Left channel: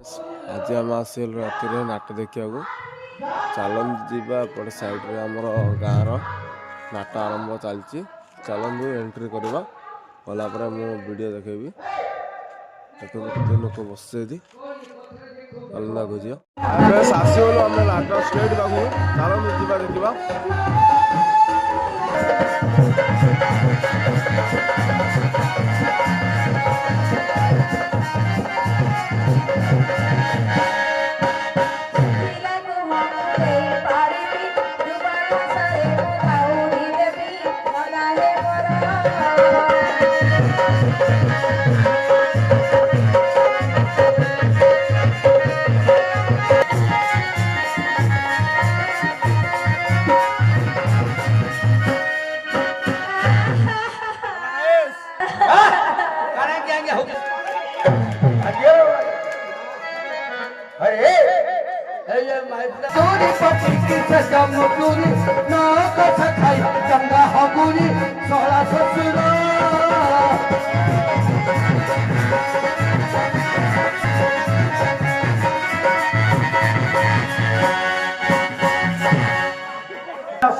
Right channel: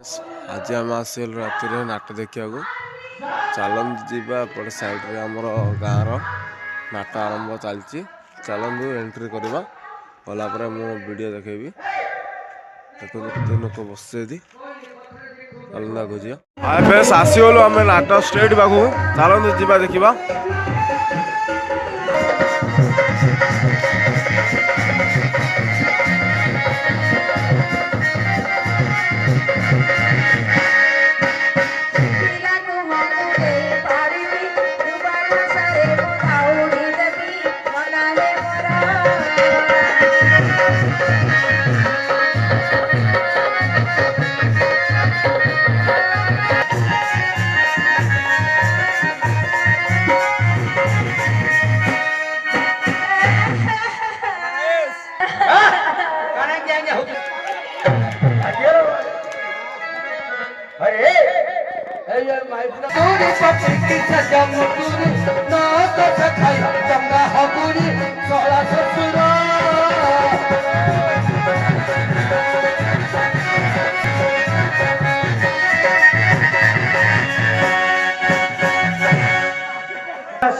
आज आम आसल राति नाट देखा चलतु जीवा एपटे साइड आमर गाँव नाट आरंभ चलती चलतु एंट्री करवा गलापर मु वीडियो देखेबी देखो केते लोक बसती अलग खोज बेस आसीगलु आम नाट स्टेट पाखु चलतु जीवा देखा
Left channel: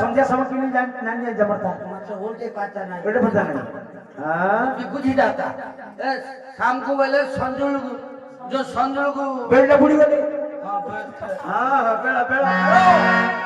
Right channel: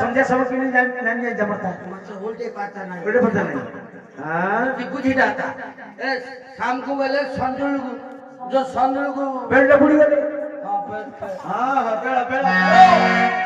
संध्या समय की नहीं जमता उल्टे पाता नहीं उल्टे पाता नहीं हां बुझी जाता ए शाम को वाले संदुल जो संदुल को बेड़ा बुड़ी वाले हां हां बेड़ा बेड़ा